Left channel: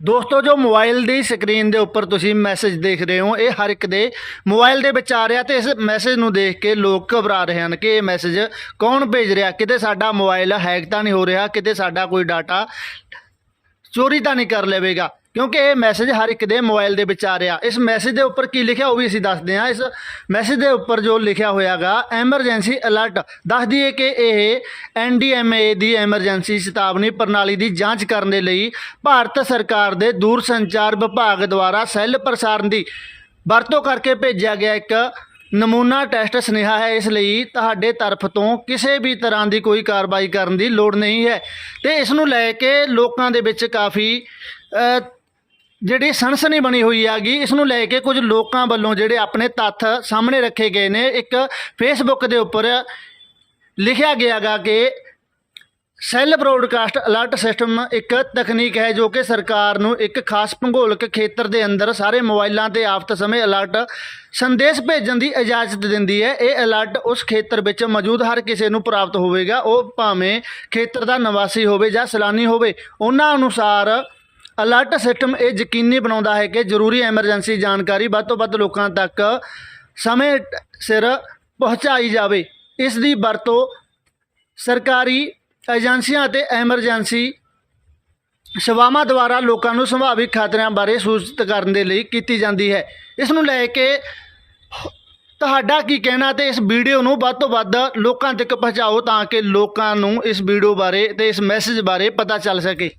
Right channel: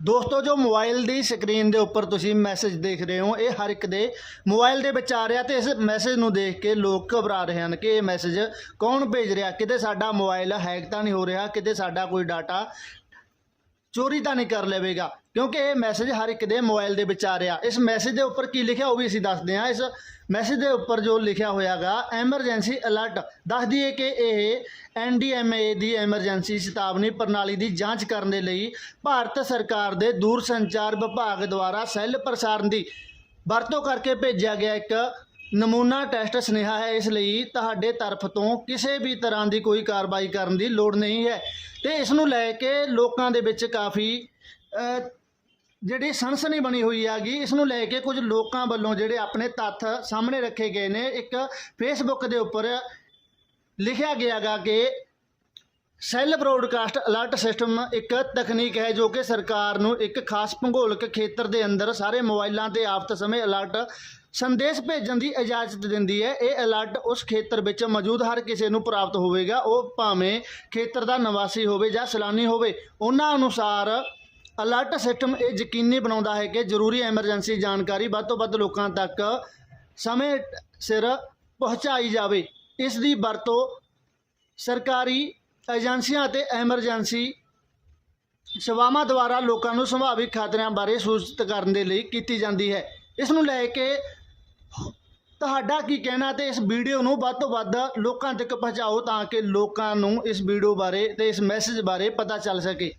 ਦੋਸਤੋ ਜੋ ਮੋਬਾਈਲ ਦੀ ਸਕਰੀਨ ਦੇ ਉੱਪਰ ਤੁਸੀਂ ਮੈਸੇਜ ਦੇਖ ਰਹੇ ਹੋ ਇਹ ਹਰ ਇੱਕ ਦੇ ਮੋਬਾਈਲ ਦੇ ਵਿੱਚ ਆ ਰਿਹਾ ਤੇ ਇਸ ਮੈਸੇਜ ਨੂੰ ਦੇਖ ਕੇ ਲੋਕ ਘਬਰਾ ਰਹੇ ਹਨ ਕਿ ਇਹ ਮੈਸੇਜ ਕੌਣ ਭੇਜ ਰਿਹਾ, ਕਿਤੇ ਸਾਡਾ ਮੋਬਾਈਲ ਹੈਕ ਤਾਂ ਨਹੀਂ ਹੋ ਰਿਹਾ, ਕਿਤੇ ਸਾਡਾ ਕੋਈ ਡਾਟਾ ਚੋਰੀ ਤਾਂ ਨਹੀਂ ਕਰ ਲਵੇਗਾ, क्योंकि ये मैसेज हर एक दे मोबाइल दे विच आ रहा। इस मैसेज के उपर की लिखा वो भी असीं दसदे हां। इस मैसेज के उपर जो लिखा होयागा एमरजेंसी अलर्ट दस दिए कि यह NDMA की एमरजेंसी चेतावनी प्रणाली की जांच करने लई भारत सरकार के दूर संचार विभाग द्वारा सैल प्रसारण की वरतों करके भेजा गया एक नमूना टैसट सुनेहा है। इसलिए तुहाडे तरफ तो किसी भी तरह की कोई कार्रवाई करने की लोड़ नहीं है। तो इस नूं लैके लोकां दे विच काफ़ी जिहड़ी सनसनी बनी हुई हैगी। इस नूं लैके कुछ लोगों वालों जिहड़े अपने तत्थ सामने रखे गए ने। एक फेसबुक के उपर लिखा गया गा कि सैल ब्रॉडकास्ट अलर्ट सिस्टम एक तकनीक है जो कि सरकार नूं एक खास भूगोलिक खेत्र के अंदर सारे मोबाइलों ते आफत समय अलर्ट संदेश भेजण की इजाजत दिंदी है। ये अलर्ट उस खेत्र में मौजूद हर किसी नूं प्राप्त होवेगा, वो भावें खेत्र का निवासी होवे जां सैलानी होवे। उन्हां अनुसार अलर्ट सिस्टम ये यकीनी बनाता है कि जरूरी एमरजेंसी जानकारी वध तो वध लोगों तक समय सिर पहुँचाई जाए। इसकी वरतों सरकारी एजेंसियां ते एमरजेंसी सेवावां द्वारा लोगों को संभावित खतरिਆਂ बारे सूचित करने के लिए की जाती है। इस नूं लैके तुहाडा की कहना तो इस वीडियो नूं वध तो वध लोगों तक पहुँचाओ ताकि लोगों को इस वीडियो बारे ते इस मैसेज बारे पता चल सके।